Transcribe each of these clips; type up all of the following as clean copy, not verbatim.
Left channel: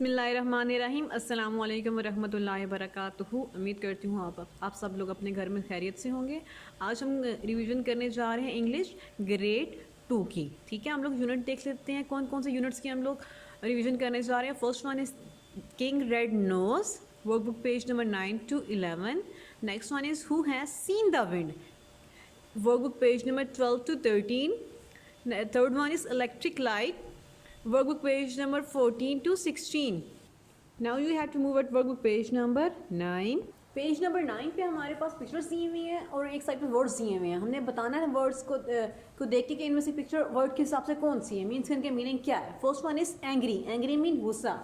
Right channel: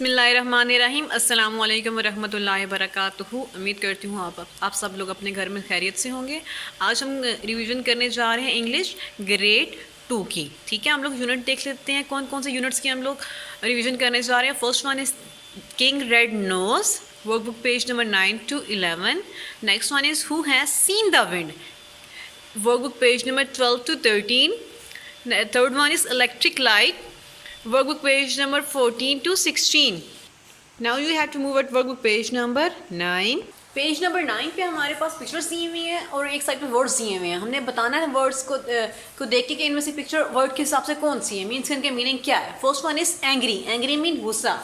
बिस्मिल्लाहिर्रहमानिर्रहीम अस्सलाम वालेकुम वरहमतुल्लाहि वबरकातुहू। उम्मीद करती हूँ आप सब लोग अपने घर में खैरियत से होंगे। आज हम रिवीजन करने जा रहे हैं इंग्लिश ग्रेड 2 की। ठीक है, हम लोग यूनिट देख लेते हैं कौन कौन से यूनिट्स की हम लोग रिवीजन करने जा रहे हैं। First one is king red knows, workbook page number 9 to 11। Next one is who has seen the wind, workbook page number 12 to 13। Third one is electric light, workbook page number 14 to 16. Now you have to move at workbook page number 9. Page number 9 पे हमारे पास pictures दिए हुए हैं और एक side पे words दिए हुए हैं। हमने बताना है वर्ड्स को देख के कि इनमें से पिक्चर वर्ड के हिसाब से कौन सी है, मीन्स इनके मीनिंग क्या है। First one is angry, angry mean गुस्सा।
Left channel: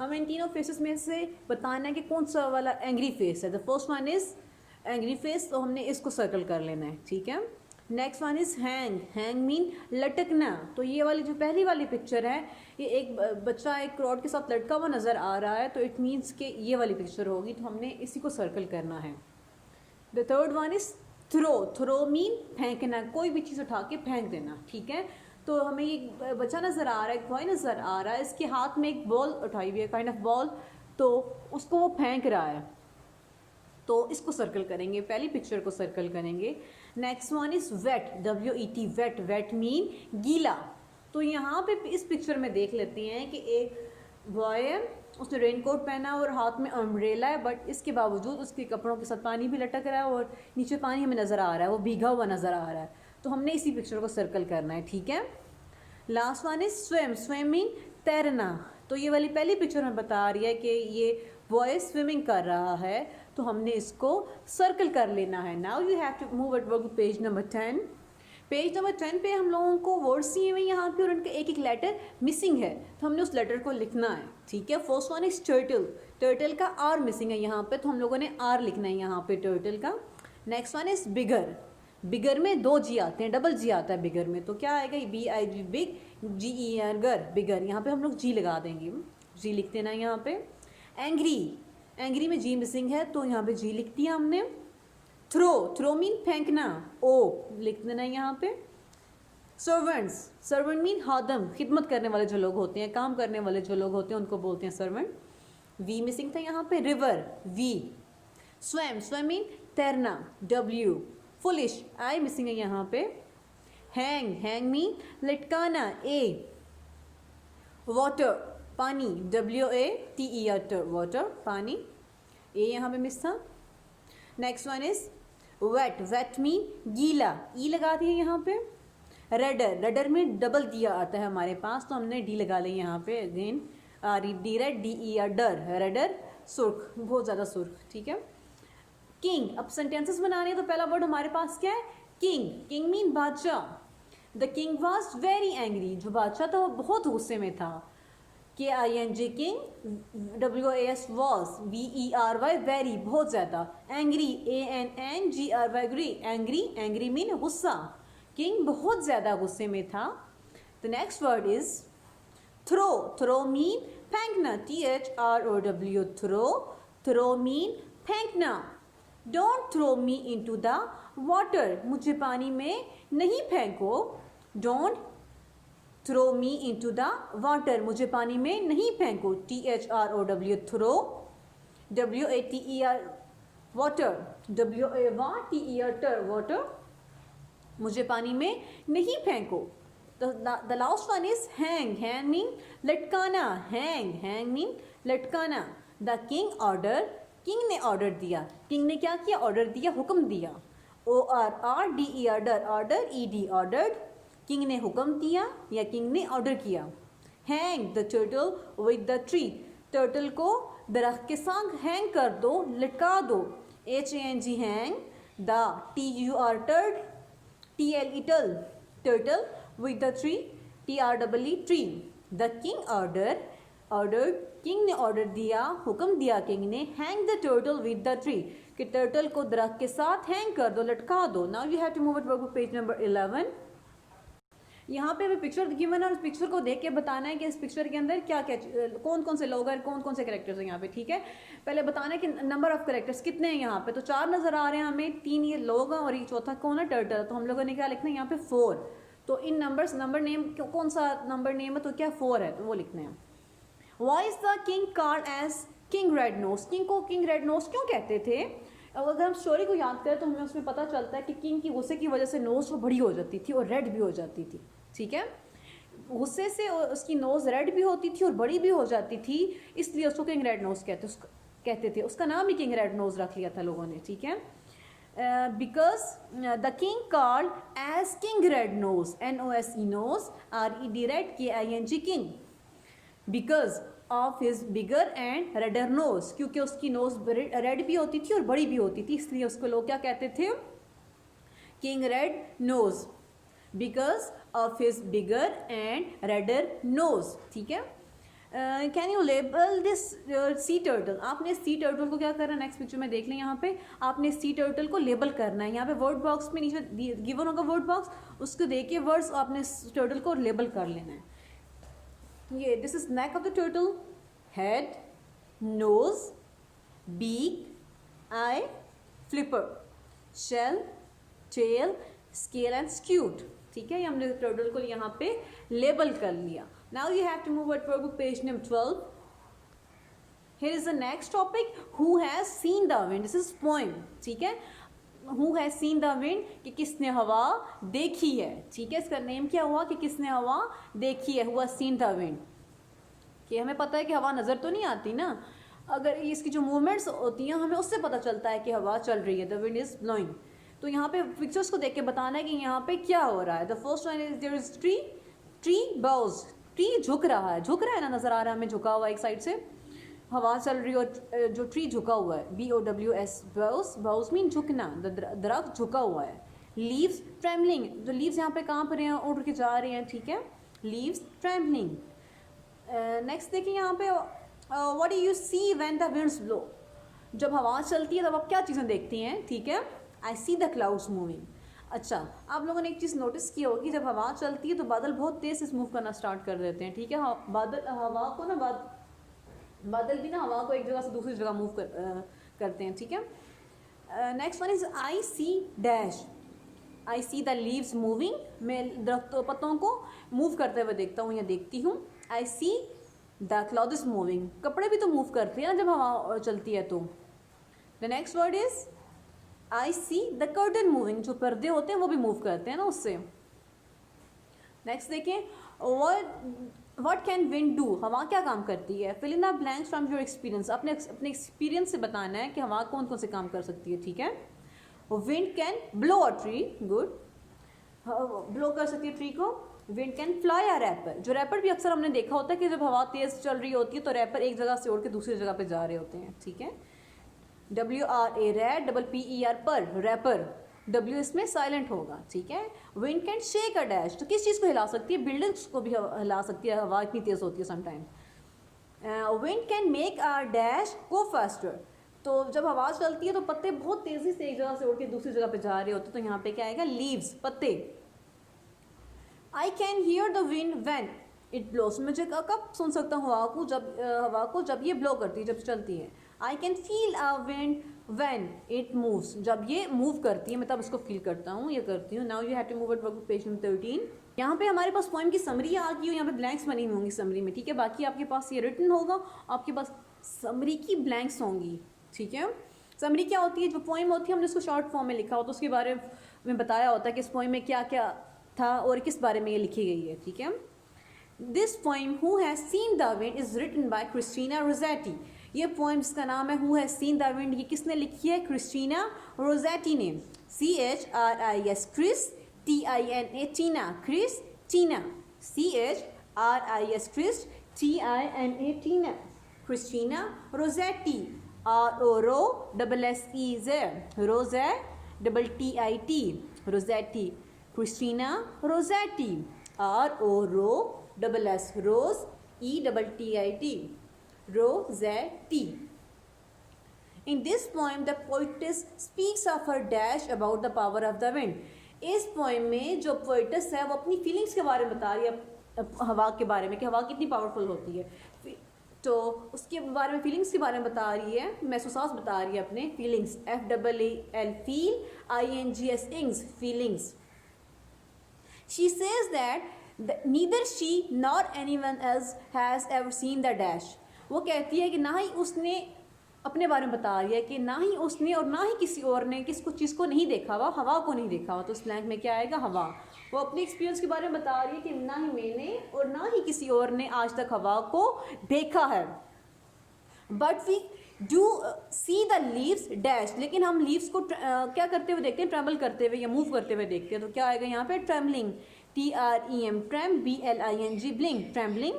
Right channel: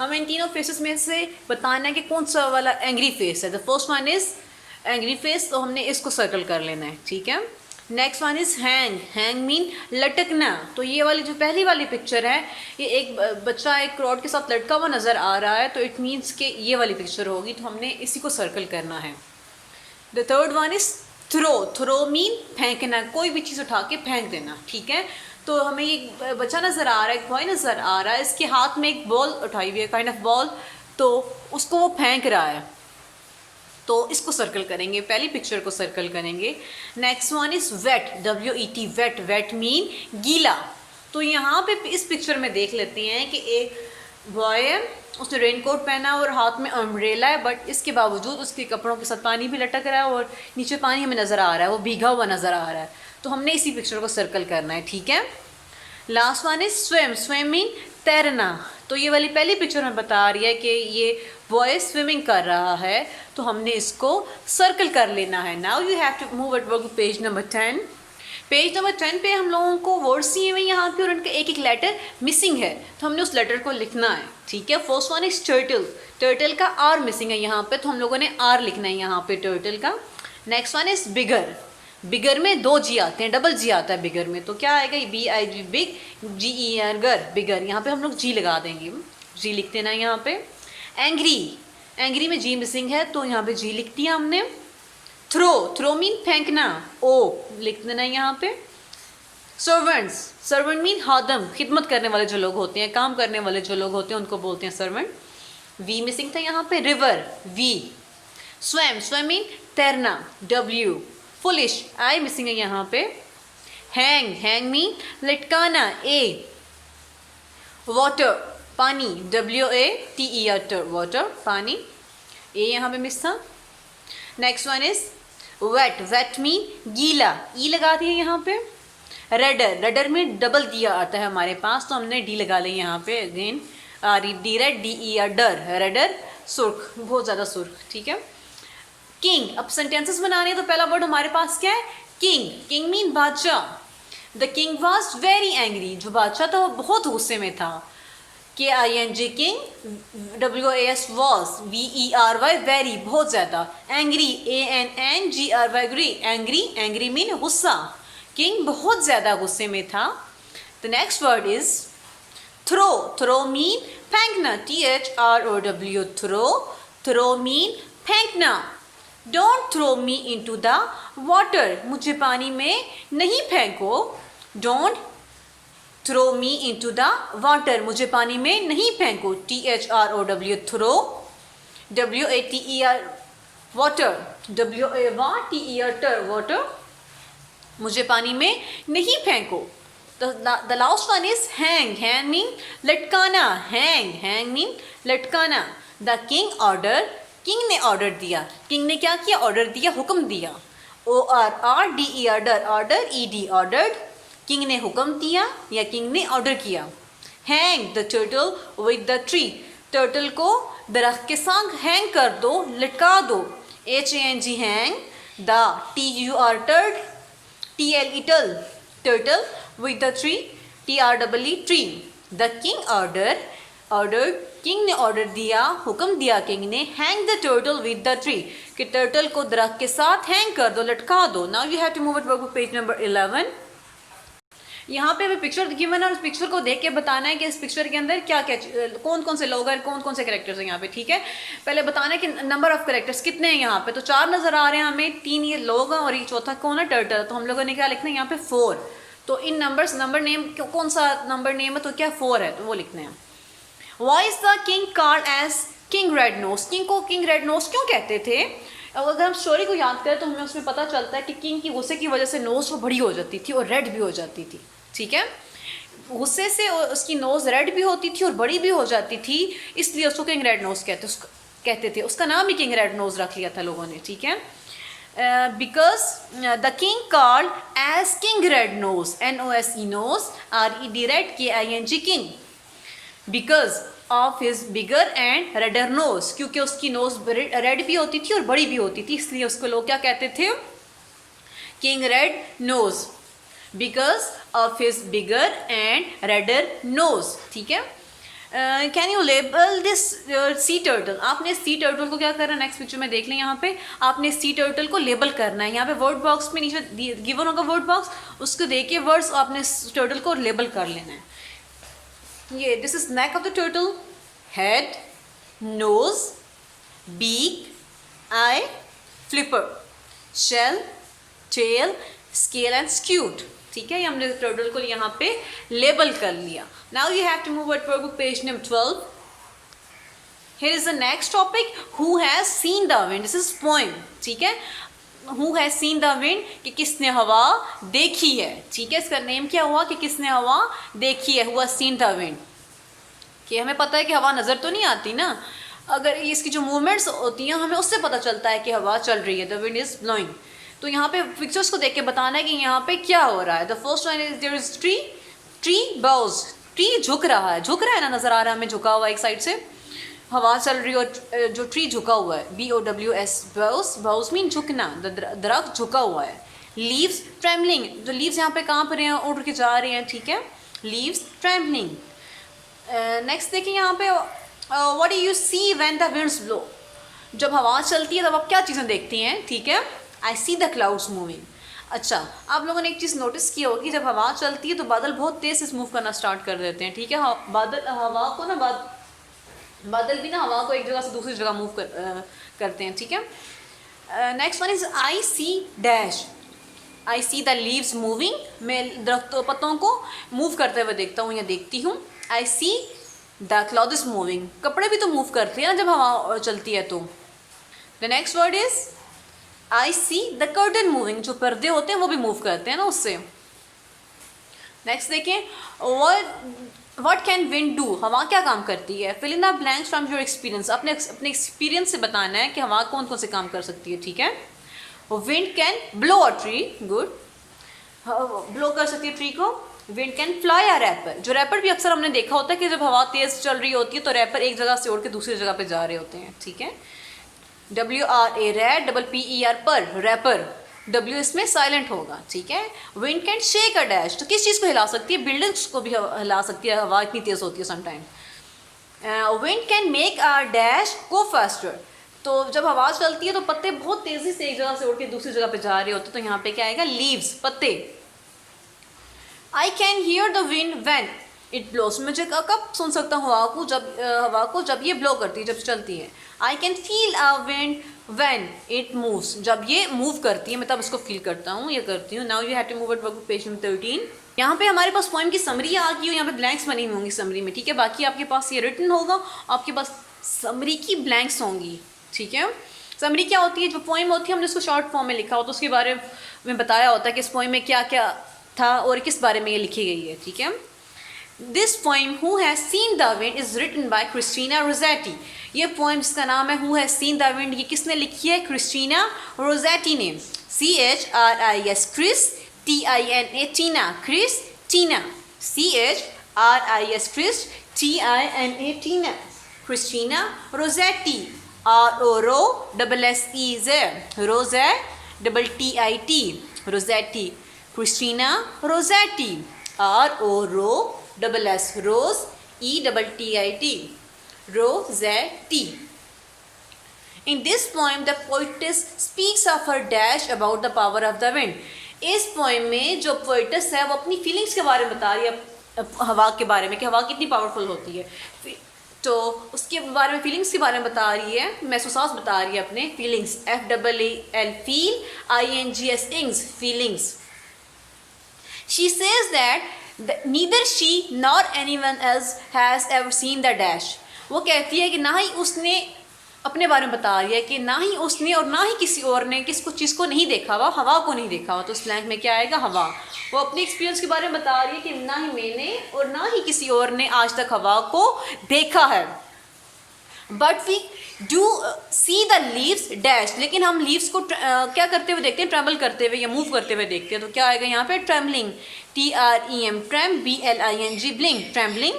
हमें इन तीनों फेसेस में से बताना है कि कौन सा वाला एंग्री फेस है। The first one is angry face, तो हमने इसको सर्कल कर लेना है। ठीक है, next one is hang, hang mean लटकना। तो ये वाली जो पहली वाली पिक्चर है, ये एक बच्चा एक रॉड के साथ लटका हुआ नज़र आ रहा है, तो इट मीन्स कि ये वाली पिक्चर होगी, तो हमने इसी को सर्कल करना है। The third one is throw, throw mean फेंकना, कोई भी चीज़ उठा के फेंक देना। ठीक है, तो हमें एक बच्चा नज़र आ रहा है, एक बॉय नज़र आ रहा है, इसके हाथ में एक बॉल उठाई हुई है, काइंड ऑफ बॉल, तो उसको वो फेंक रहा है, तो इसको सर्कल करेंगे, पहली पिक्चर को सर्कल करेंगे। Next one is wet, WET, wet, wet mean गीला। तो यहाँ पे इस पिक्चर में देख लेते हैं कि एक बॉय है, उसने रेनकोट पहना और हाथ में अम्ब्रेला है, बट इसके बावजूद उसके कपड़ों के साथ पानी भी लटक रहा है और नीचे पानी हमें नज़र आ रहा है, वो भीगा हुआ नज़र आ रहा है, तो हमने इसी पिक्चर को सर्कल करना है। ठीक है, last one is swim, swim mean तैरना। तो ये वाली पहली पिक्चर में बता रही है कि ये बॉय स्विमिंग कर रहा है, तो हमने इसको सर्कल कर लेना है। Now you have to move at work page number 10। Page number 10 पे हम लोगों को वर्ड्स दिए हुए यहाँ पे और उनका एक एक लेटर मिसिंग है, तो हमने उस लेटर को लिखना है। ठीक है, first one is turtle, turtle का आर मिसिंग है यहाँ पे, तो हम लोगों ने आर लिखना है यहाँ पे टर्टल का। नेक्स्ट वन इज बिगर, बिगर में दो जी आते हैं, डबल जी आता है बिगर में, तो क्या आएगा, BIG बिग, GER गर, बिगर। यहाँ पे हम लोग जी लगा देंगे, जी लिख देना है यहाँ पे। एंग्री, एंग्री में जी मिसिंग है, तो यहाँ पे जी लिख दिया हमने। थ्रो, थ्रो मीन फेंकना, ओ लिख देना है यहाँ पे। सर्वेंट्स, सर्वेंट मीन खादम, खिदमत करने वाले जो लोग होते हैं, काम करने वाले जो लोग होते हैं, उनको बोलते हैं सर्वेंट। वी मिसिंग था यहाँ पे, river, V. Swim, swim mean तैरना, W। फुलिश, आई मिसिंग है यहाँ पे। हैंग, हैंग मीन लटकाना, A। वाटर, पानी, WATER, वाटर, पानी, ए यहाँ पे मिस था। Next one is wet, wet mean गीला, ई लगा दिया यहाँ पे। रेडर, रेडर में डबल दिया आता है हमारे पास, तो हमने डी लगा लिया यहाँ पे अगेन, डी रेड, DER डर, रेडर सुर्ख, बहुत ज़्यादा सुर्ख। ठीक है, किंग, अब सेंटेंसेस बनाने हैं, तो पहला वर्ड हमारे पास क्या है, किंग, किंग मीन बादशाह। The king was very angry, जो बादशाह था वो बहुत गुस्से में था। KING king, WAS was, VERY very, बहुत ज़्यादा। एंग्री, ANNGRY ग्री, एंग्री, एंग्री मीन गुस्सा, किंग बहुत ज़्यादा गुस्से में था। The next word is throw, throw mean फेंकना, THROW, थ्रो, थ्रो मीन फेंकना। Don't throw me into the water, मुझे पानी में नहीं फेंको। Don't throw me into the water, मुझे पानी में नहीं फेंको, THROW, throw. WATER water, WATER water, मुझे पानी में नहीं फेंको। The last one is hang, hang mean लटकाना, हैंग, हैंग मीन लटकाना। द किंग ऑर्डर, किंग ने ऑर्डर दिया, किंग ने क्या किया, ऑर्डर दिया, हुक्म दिया। ORDER डर, ऑर्डर, ED ऑर्डर्ड, किंग ने हुक्म दिया या किंग ने ऑर्डर किया। Hang the turtle with the tree, turtle को दरख्त के साथ हैंग कर दो, लटका दो, HANG हैंग। द TUR टर्ड, TLE टल, turtle with the tree, TREE tree. The king order, order, king ने ऑर्डर दिया, हुक्म दिया किंग ने। Hang the turtle with the tree, कि टर्टल को दरख्त के साथ हैंग कर दो, लटका दो। Now you have to move it work page number 11। यहाँ पे हमें पिक्चर गिवन है और उस पिक्चर को देख के बताना है कि इस पिक्चर के अंदर क्या क्या, कौन कौन से लोग हैं, कौन कौन से कैरेक्टर्स हैं यहाँ पे। ठीक है, पहले बताना है कि नंबर ऑफ कैरेक्टर्स कितने हैं यहाँ पे, तो 4 नज़र आ रहे हैं हमें, 3 ये लोग हैं और ये चौथा कौन है, टर्टल। तो हम लोगों ने क्या लिखना है यहाँ पे 4, तो इन नंबर्स, नंबर नेम कौन सा नंबर नेम है, तो क्या 4 है, तो वो लिखना है। Why is the king called as king red nose? King को किंग रेड नोज क्यों कहते थे? अब अगर हम स्टोरी को याद करें तो हमें उसमें पता चलता है कि किंग की गुस्से की वजह से नोज वो बड़ी हो जाती थी और रेड भी हो जाती थी, ठीक है। गुस्से से उसकी नोज़ रेड भी होती थी और बड़ी भी हो जाती थी, इसलिए उसको किंग रेड नोज़ कहते थे। उसका नाम ही किंग रेड नोज़ रख लिया था लोगों ने, ठीक है। Because the king called as king red nose, NOSE nose, RED red, KING king, because of his bigger and redder nose, क्योंकि उसकी नोज रेड भी होती थी और बड़ी भी होती थी, इसलिए उसको लोग क्या कहते थे? King red nose, because of his bigger and redder nose, ठीक है। Can you label this sea turtle? आपने सी टर्टल को क्या करना है, नेक्स्ट पिक्चर में देख लें। यहाँ पे आपने सी टर्टल को लेबल करना है। यहाँ पे वर्ड बॉक्स में नीचे गिवन होगा वर्ड बॉक्स, उसको देखिए वर्ड्स, आपने टर्टल को लेबल कर लेना है। ये this is neck of the turtle, head, nose, beak, eye, flipper, shell, tail, scale and scute, ठीक है। ये हमने टर्टल को यहाँ पे लेबल कर लिया। Now you have to move at work book page number 12. Here is the next topic, who has seen the wind? This is poem, ठीक है। Who has seen the wind, कि किसने हवा देखी है, ठीक है। इसका नेम क्या हुआ कि किसने हवा देखी है, Who has seen the wind। कि हमें पता है कि हवा नज़र तो नहीं आती ना, अगर इसकी जो मूवमेंट्स होती हैं हमें उससे पता चलता है कि हवा चल रही है, द विंड इज ब्लोइंग। तो यहाँ पे पिक्चर्स को देख के बताना है कि यहाँ पे क्या हो रहा है। The first one is there is tree bows, tree झुक रहा है ना, नज़र आ रहा है हमें झुका हुआ एक साइड से, हवा चल रही है और जो ट्री झुका हुआ है, BOWS, बाउज मीन झुकना, दरख्त झुका हुआ है। लीव्स ट्रेमलिंग, जो लीव्स यहाँ पे कांप रहे हैं, उड़ के जा रहे हैं, ठीक है, लीव्स ट्रेमलिंग। नेक्स्ट देखिए यहाँ पे, what do you see when the winds blow? जब हवा चलती है तब आप क्या चीज़ें देखती हैं, ठीक है। आई सी द क्लाउड्स मूविंग। अच्छा, आप लोगों ने एक चीज़ नोटिस की होगी, जब हवा चलती है तो बादल बहुत तेज़ से मूव करना स्टार्ट कर देते हैं, ठीक है। बादल हवा को ना बादल भी ना हवा को एक जगह से दूसरी जगह मूव करते हैं, ठीक है। Next one is I see dash, I see the leaves moving, मैं दरख्तों पत्तों को मूव करते हुए देखता हूँ या देखती हूँ। आई सी द क्लॉथ्स मूविंग, कपड़े भी तो मूव करते हैं ना जब हवा चलती है तो। The next word is I see the curtain moving, जो पर्दे होते हैं वो भी मूव करते हैं ना उससे। नेक्स्ट देखें, व्हाट कैन विंड डू, हवा क्या काम करती है। Fill in the blanks from your experience, अपने एक्सपीरियंस से बताना है कि हवा कौन कौन से काम कर सकती है, ठीक है। Wind can blow a tree, good, blow कर सकती है ट्री को। Wind can fly a rapper, जो रैपर भी अक्सर हमने देखा होता है कि जब हवा तेज़ चल रही होती है तो रैपर एक जगह से उड़ के दूसरी जगह पे जा रहे होते हैं, ठीक है। WRA रैड, PER पर, रैपर, W इसमें साइलेंट होगा, ठीक है। Wind can shake a dash, तो किस चीज़ को हिला सकती है, बिल्डिंग्स को भी हिला सकती है, हवा इतनी तेज़ होती है sometime. Wind can make a dash go faster, तो जब हवा चलती है तो पत्ते बहुत तेज़ी से एक जगह से उड़ के दूसरी जगह पे जा रहे होते हैं, तो यहाँ पे क्या आएगा, लीव्स, पत्ते। I can hear the wind when it blows, मुझे कब सुन सकता हूँ हवा को जब ये ब्लो करती है, जब चलती है। I can feel a wind when it moves, जब ये मूव करती है मैं तब इसको फील करता हूँ, ये करती हूँ। Now you have to move at work page number 13. यहाँ पे हमारे पास पोएम की समरी आ गई हो, यहाँ पे ब्लैंक्स बनी होंगी समरी में, ठीक है। बाकी आपके पास ये रिटन होगा, आपके पास समरी की ब्लैंक्स होंगी, ठीक है। समरी क्या होती है, जो पोएम होती है हमने उसको शॉर्ट फॉर्म में लिखा होता है, उसके बारे में बताया होता है कि इस पोएम में क्या क्या था और किस बारे में ये लिखी गई है, ठीक है। This poem who has seen the wind is written by Christina रोज़ेटी। ये पोएम जिसका नाम है who has seen the wind, ये किसने लिखी है, क्रिस्टीना रोज़ेटी ने। CHRIS क्रिस, TINA टीना, क्रिस टीना, CHRIS क्रिस, TINA टीना, क्रिस्टीना रोज़ेटी, ROSSEZ, रोज़े TIT, रोज़ेटी, Christina रोज़ेटी, ROSS rose ETTIT, Rossetti. In this poem, the poetess speaks of her dash about the power of the wind. इस poem में जो poet's है वो अपनी feelings के बारे में बता रही है, हवा के बारे में, कि हवा कितनी पावरफुल होती है, तो उसके बारे में, फीलिंग्स के बारे में बता रही है, महसूसात बता रही है अपने feelings, FEEL feel, INGS इंग्स, feelings. She says that neither she nor anyone else has ever seen the dash. वो कहती है कि ना ही उसने अपने बारे में बता रही है कि ना ही उसने और ना ही किसी और ने किसको चीज़ को नहीं देखा हुआ, हवा को नहीं देखा हुआ। तो स्लैंग में क्या आएगा? हवा। वो अपने एक्सपीरियंस के बारे में बता रही है कि ना ही मैंने और ना ही किसी और ने आज तक हवा को देखा है। But we do see the leaves dash, लेकिन हम लीव्स को क्या करते हुए देखते हैं? ट्रैवल करते हुए या मूव करते हुए देखते हैं। तो क्या आएगा यहाँ पे? Travelling, TREM, tram, BLING, bling, travelling.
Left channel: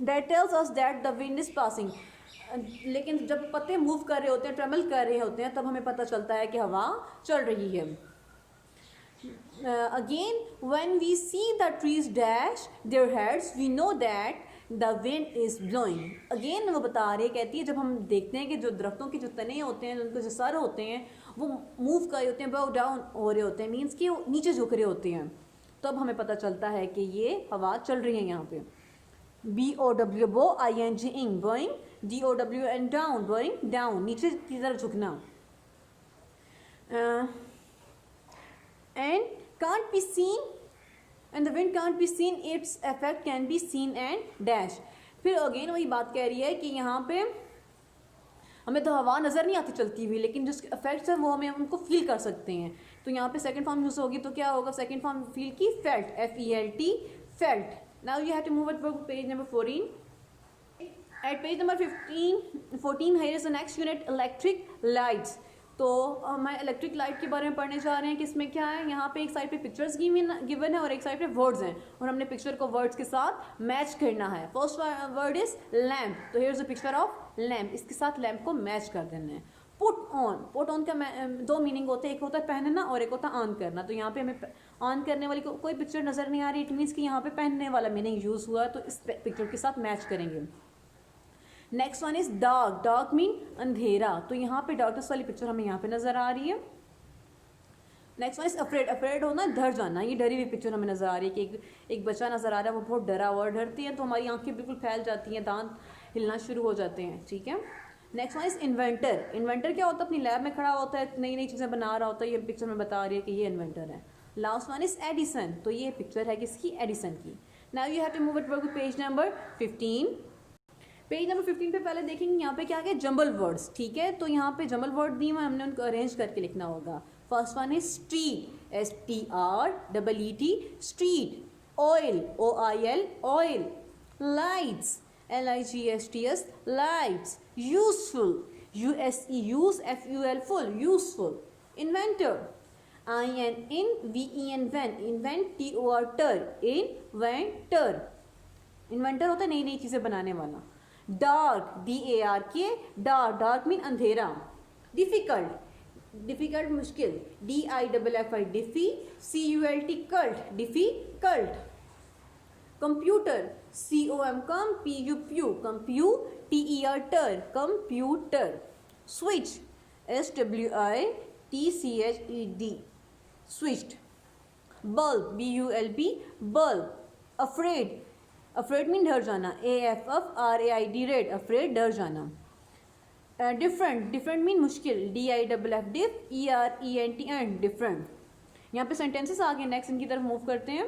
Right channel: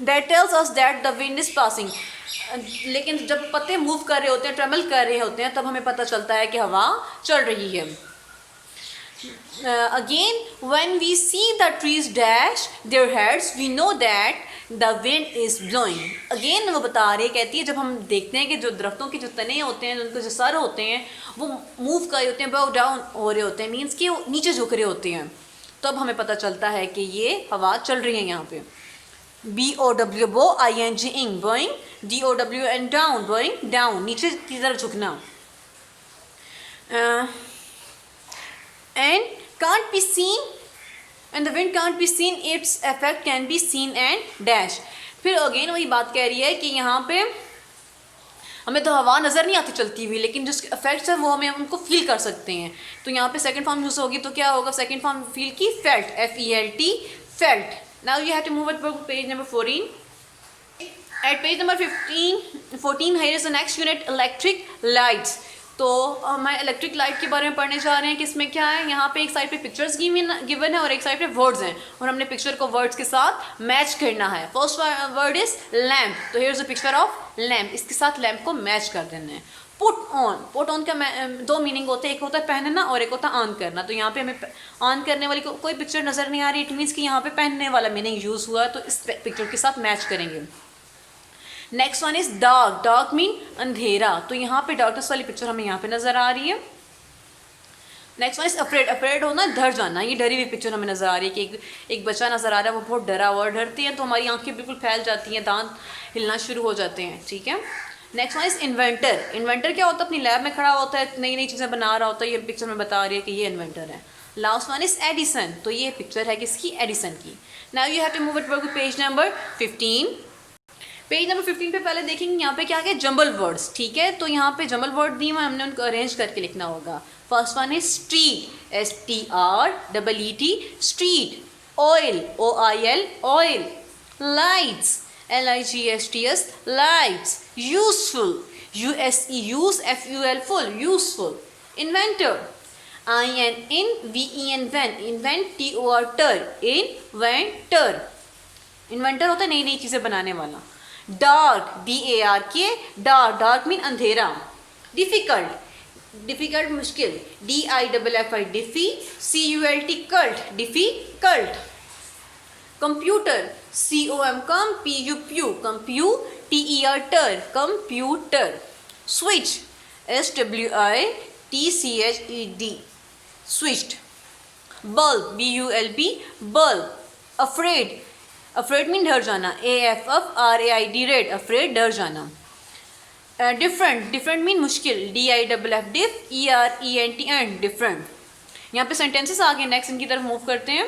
That tells us that the wind is passing. लेकिन जब पत्ते मूव कर रहे होते हैं, ट्रैवल कर रहे होते हैं, तब हमें पता चलता है कि हवा चल रही है। Again, when we see the trees dash their heads, we know that the wind is blowing. Again वो बता रही है, कहती है जब हम देखते हैं कि जो दरख्तों के जो तने होते हैं, उनके जो सर होते हैं, वो मूव कर रहे होते हैं, bow down हो रहे होते हैं, मीन्स कि वो नीचे झुक रहे होते हैं, तब हमें पता चलता है कि ये हवा चल रही है। यहाँ पे BOW, bow, ING, blowing, DOW and down, blowing, down, नीचे की तरफ झुकना। And can't be seen, and the wind can't be seen, its effect can be seen and dash। फिर अगेन वही बात कह रही है कि यहाँ पे हमें तो हवा नज़र नहीं आती चलती हुई, लेकिन जो इफेक्ट्स है वो हमें उनको फील कर सकते हैं। तो यहाँ पे सेकंड फॉर्म यूज़ होगी, तो क्या होगा? सेकंड फॉर्म फील की, felt, FELT, felt. Now you have to move it page number 14। At page number 14, here is the next unit, electric lights। तो हम इलेक्ट्रिक लाइट के बारे में पढ़ने जा रहे हैं कि इसमें क्या है। यहाँ पे एक साइड पे पिक्चर्स गिवन है और एक साइड पे वर्ड्स हैं, और हमने पिक्चर को वर्ड्स के साथ मैच करना है। फर्स्ट वर्ड इज लैम्प, तो here is a picture of lamp, इसके साथ लैम्प को मैच कर देना है। पुट ऑन का दो मीनिंग होते हैं, एक होता है पहनना और एक होता है ऑन करना। तो यहाँ पे हमें ऑन करने वाली कोई पिक्चर नज़र नहीं आ रही, इट मीन्स कि यहाँ पे पहनने वाला मीनिंग यूज़ हुआ है, तो इस पिक्चर के साथ मैच करेंगे। Next one is dark, dark mean अंधेरा, तो यहाँ पे डार्कनेस वाली पिक्चर हमें यहाँ पे नजर आ रही है। Next one is afraid, afraid होना डर जाना, ये डरी हुई पिक्चर हमें नजर आ रही है कि एक बच्चा नजर आ रहा है, वो बहुत डरा हुआ, डरती है तो हमारी आंखें बिल्कुल फैल जाती हैं, दांत हिलना शुरू हो जाते हैं, ठीक है। Next one is inventor, inventor क्या होता है? अपनी लैब में खड़ा होता है, नई नई चीज़ें बना रहा होता है, ये पिक्चर में बता रही है कि ये इन्वेंटर है। लास्ट वन इज एडिसन, तो ये पिक्चर है किसकी? एडिसन की। Now you have to move it to page number 15। Page number 15 पे पहले देखेंगे यहाँ पे क्या है? जंबल वर्ड्स, ठीक है। तो यहाँ पे जंबल वर्ड दिए हुए, हमने उनको अरेंज करके लिखना होगा। First one is street, STREET, street. Oil, OIL, oil. Lights, LIGHTS, lights. Useful, USE, use, FUL, full, useful. Inventor, INVEN, invent, TOR, inventor. Inventor होता है नई नई चीज़ें बनाने वाला। Dark, DARK, dark, dark mean अंधेरा। डिफिकल्ट, डिफिकल्ट मुश्किल, DIFFI, डिफी, CULT, cult, difficult. Computer, COM, कम, PU, computer, computer. Switch, SWITCHED, switched. Bulb, BULB, bulb. Afraid, afraid mean डर जाना, AFFRAID, रेड, अफ्रेड, डर जाना। डिफरेंट, डिफरेंट मीन मुश्किल, DIFF, diff, ERENT, and, different. यहाँ पे sentences आ गए, next इनकी तरफ मूव करते हैं।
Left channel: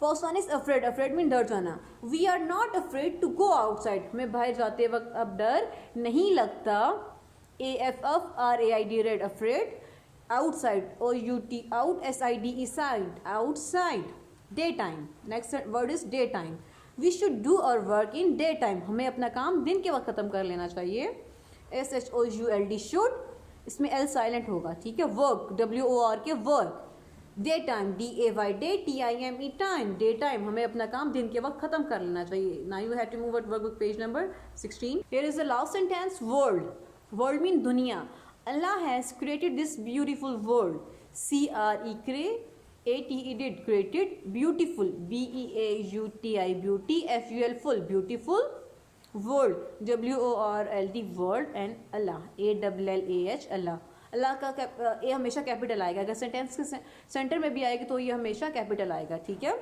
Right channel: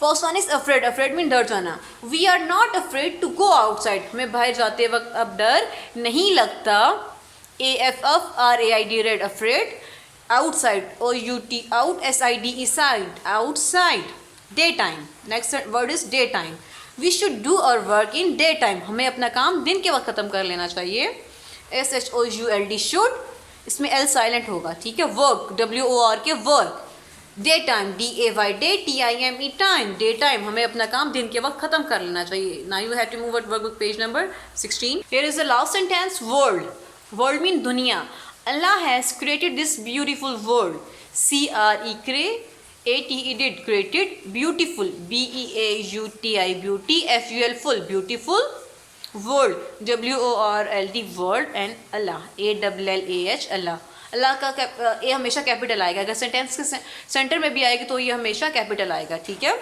First one is afraid, afraid mean डर जाना। We are not afraid to go outside, हमें बाहर जाते वक्त अब डर नहीं लगता। AFFRAID, red, afraid. Outside, OUT, out, SIDE, side, outside. Day time, next word is day time. We should do our work in day time, हमें अपना काम दिन के वक्त ख़त्म कर लेना चाहिए। SHOULD, शुड, इसमें L साइलेंट होगा, ठीक है। Work, WORK, work. Day time, DAY, day, TIME, time, day time, हमें अपना काम दिन के वक्त ख़त्म कर लेना चाहिए। Now you have to move at work page number 16। Here is the last sentence, world, world mean दुनिया। Allah has created this beautiful world, CRE, ATE, did, created, beautiful, BEAUTI, beauty, FUL, full, beautiful world, WORLD, world, and Allah, ALLAH, Allah। अल्लाह का ए हमेशा capital आएगा, अगर sentence के centre में भी आएगी तो ये हमेशा कैपिटल आएगा, ठीक है।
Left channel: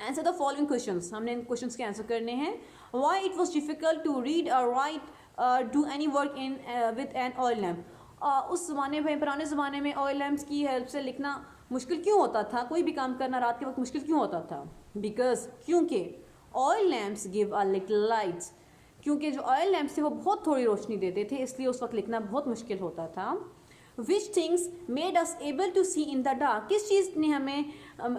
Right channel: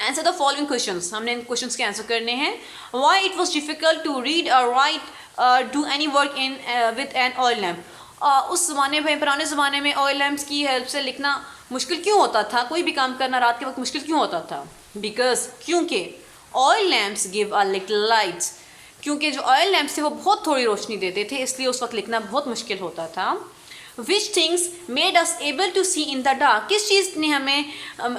आंसर द फॉलोइंग क्वेश्चंस, हमने इन क्वेश्चंस के आंसर करने हैं। Why it was difficult to read और write do any work in with an oil lamp. उस ज़माने में, पुराने ज़माने में ऑयल लैम्प्स की हेल्प से लिखना मुश्किल क्यों होता था, कोई भी काम करना रात के वक्त मुश्किल क्यों होता था? बिकॉज क्योंकि oil lamps give a little lights, क्योंकि जो ऑयल लैम्प्स थे वो बहुत थोड़ी रोशनी देते थे, इसलिए उस वक्त लिखना बहुत मुश्किल होता था। Which things made us able to see in the dark, किस चीज़ ने हमें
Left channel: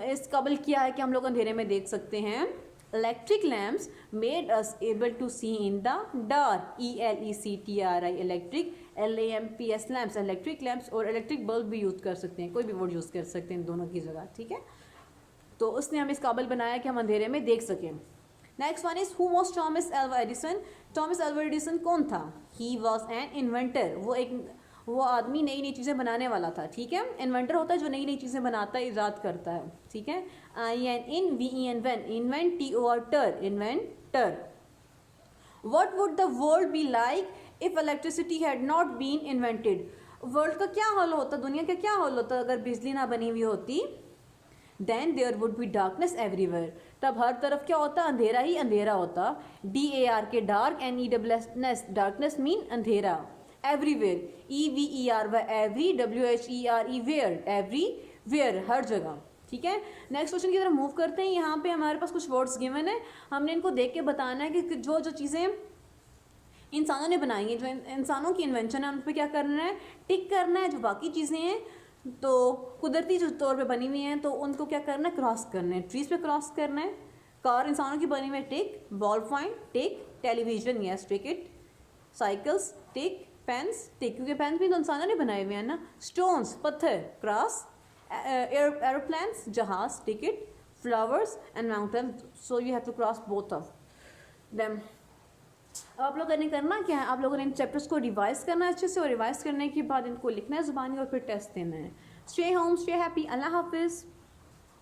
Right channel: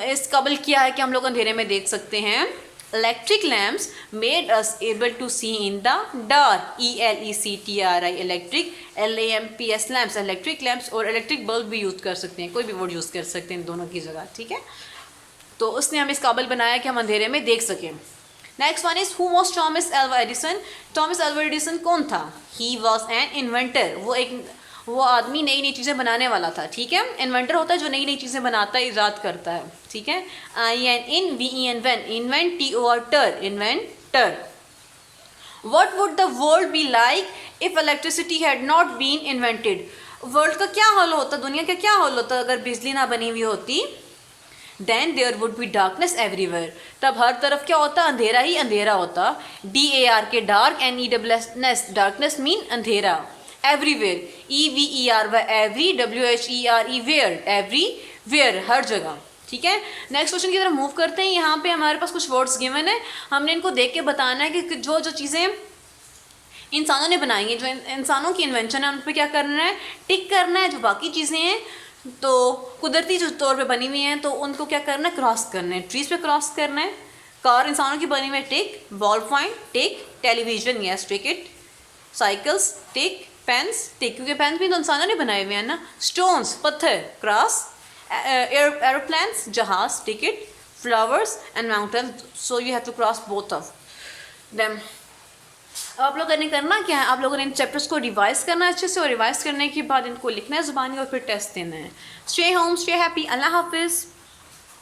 इस काबिल किया है कि हम लोग अंधेरे में देख सकते हैं? Electric lamps made us able to see in the dark, ELECTRI electric, LAMPS lamps electric lamps, और इलेक्ट्रिक बल्ब भी यूज़ कर सकते हैं, कोई भी वर्ड यूज़ कर सकते हैं इन दोनों की जगह, ठीक है। तो उसने हमें इस काबिल बनाया कि हम अंधेरे में देख सकें। Next one is who was Thomas Alva Edison. Thomas Alva Edison कौन था? ही वाज एन इन्वेंटर, वो आदमी नई नई चीज़ें बनाने वाला था, ठीक है। इन्वेंटर होता है जो नई नई चीज़ें बनाता है, ईजाद करता है, ठीक है। INVEN वन, इन्वेंट, TOR टर, inventor. What would the world be like if electricity had not been invented? World का क्या हाल होता, दुनिया का क्या हाल होता अगर बिजली ना बनी हुई होती? Then there would be darkness everywhere. तब हर तरफ क्या होता? अंधेरा ही अंधेरा होता। DARK dark, NESS darkness mean अंधेरा। Everywhere, EVERY every, WHERE where, everywhere हर जगह, ठीक है। नेक्स्ट क्वेश्चन की तरफ मूव करते हैं। यहाँ पे हमारे पास कुछ वर्ड्स गिवन है, हमने इनको देख के बताना है कि जो जो चीज़ें इंसानों ने बनाई हैं, जो इंसानों की इन्वेंशन है, उन पर क्या करना है? टिक करना है। जो बाकी चीज़ें हैं तो कुदरती जो तौर पे बनी हुई हैं तो उनको क्या करना है? क्रॉस करना है, ट्रीज पे क्रॉस करना है। कार इंसानों की बनी हुई है, tick. Ball point, tick. Television, yes, tick it. Cycles, tick. Pens, tick, क्योंकि पेन्स भी तो इंसानों ने बनाए हुए हैं ना। स्टोन्स, पत्थर, क्रॉस। एरोप्लेन्स, जहाज, ticket. Flowers and mountain, so you have to cross both of them. आप लोगों ने करना क्या है? आप लोगों ने इन चैप्टर्स को रिवाइज करना है अच्छे से, और रिवाइज करने के बाद इनको लिखना है ज़ुबानी और फिर टेस्ट देना है। स्टे होम, स्टे हैप्पी, अल्लाह हाफिज़।